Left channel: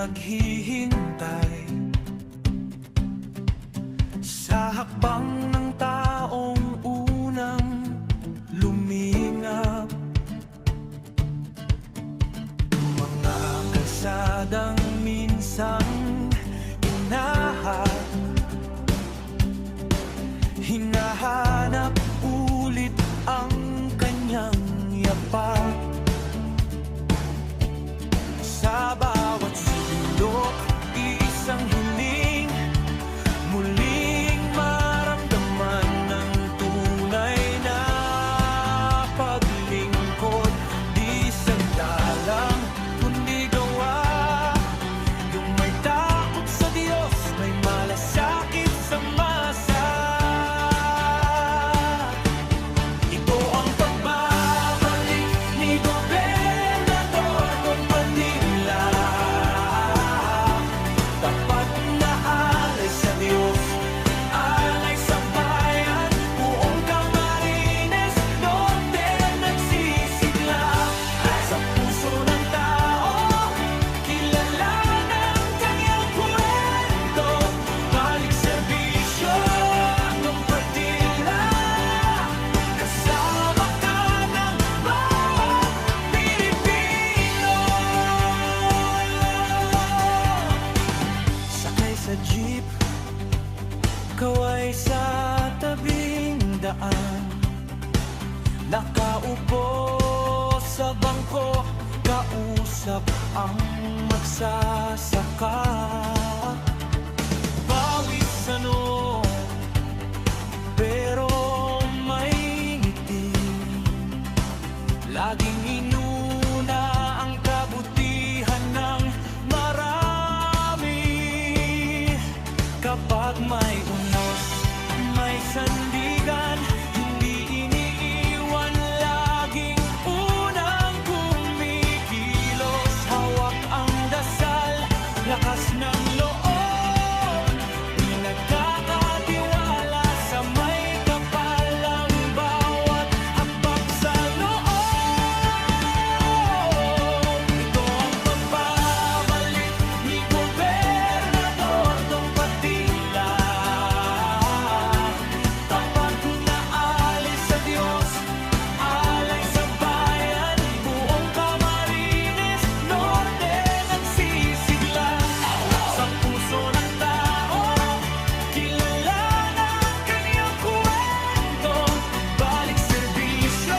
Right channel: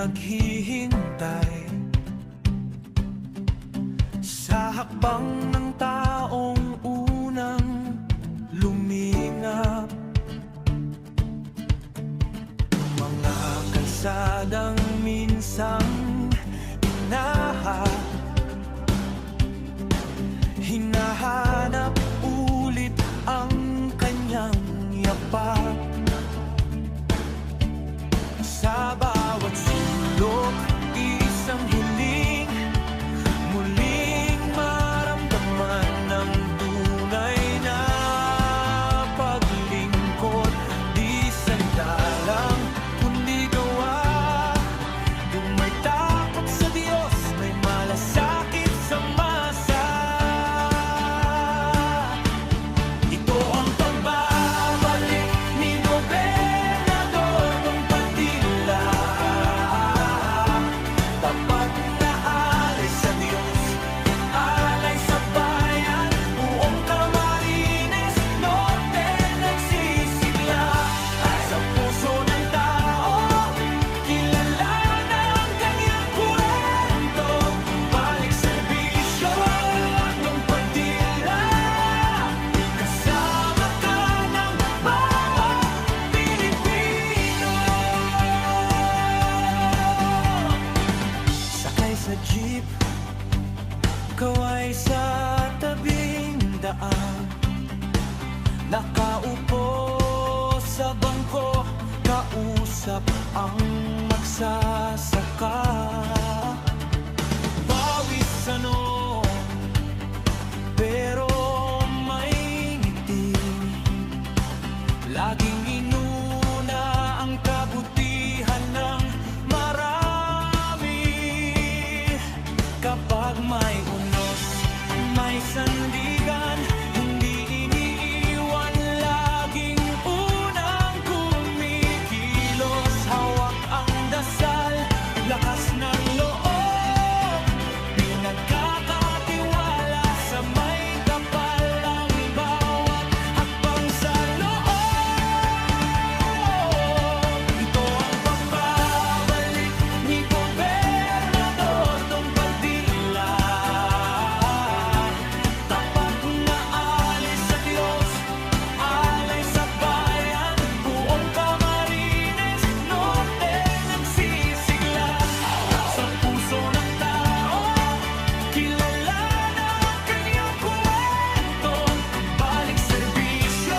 naghihintay sa hakbang ng taong unang lumingap. Mga kalsadang minsang hinahanap ulit ang kanyang yapak. Sa bawat sulok, isang hiling, muling maramdaman ng tunay na paglingkod. Di sandalang kundi gawa, yung may takot sa Diyos, may malasakit sa masa. Ito ang pagbabalik ni Gobernador Dong Padilla. Tapat na alay sa Diyos, alay sa bayan, buong Camarines Norte nagsisigla. Sa puso ng tao, kilala ng kanyang kwento. Balik serbisyo, Dong Padilla. Kasama ka ng bawat Pilipino. Sakay sa jeep, kaway sa tabing daan, nakaupo sa bangko, kausap ang magsasaka. Bawis ano, pero may ngiti. Laging inuna ang kabutihan ng marami. Kapag may unos, may sandigan, hindi iniiwan, laging unang kumikilos. Hawak ang dasal, lakas ng loob, pinagkakatiwala sa may kapal ang bawat hakbang sa loob. Ito ang pagbabalik ni Gobernador Dong Padilla. Tapat na alay sa Diyos, alay sa bayan, buong Camarines Norte nagsisigla. Sa puso ng tao, kilala ng kanyang kwento. Balik serbisyo,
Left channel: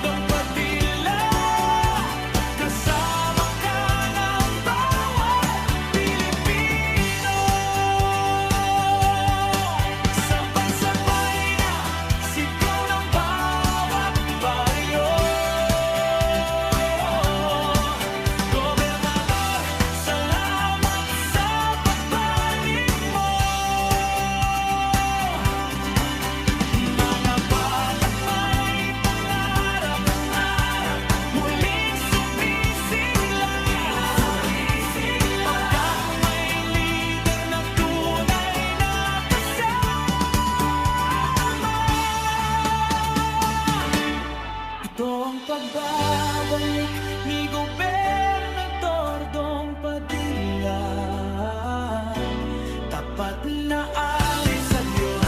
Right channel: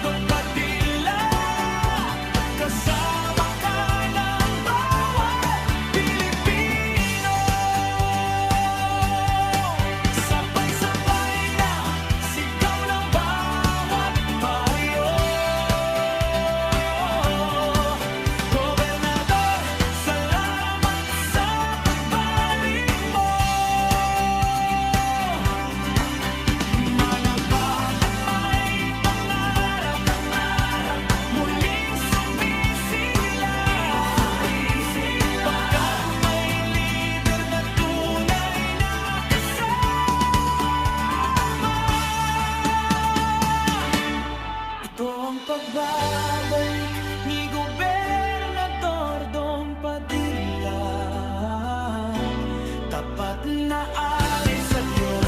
Dong Padilla. Kasama ka ng bawat Pilipino. Sabay-sabay na sigaw ng bawat baryo. Gobernador, salamat sa pagbalik mo. Mga batang may pangarap, muling sumisigla. Pagkat may lider na tunay na kasama. Ito ang pagbabalik ni Gobernador Dong Padilla. Tapat na alay sa Diyos,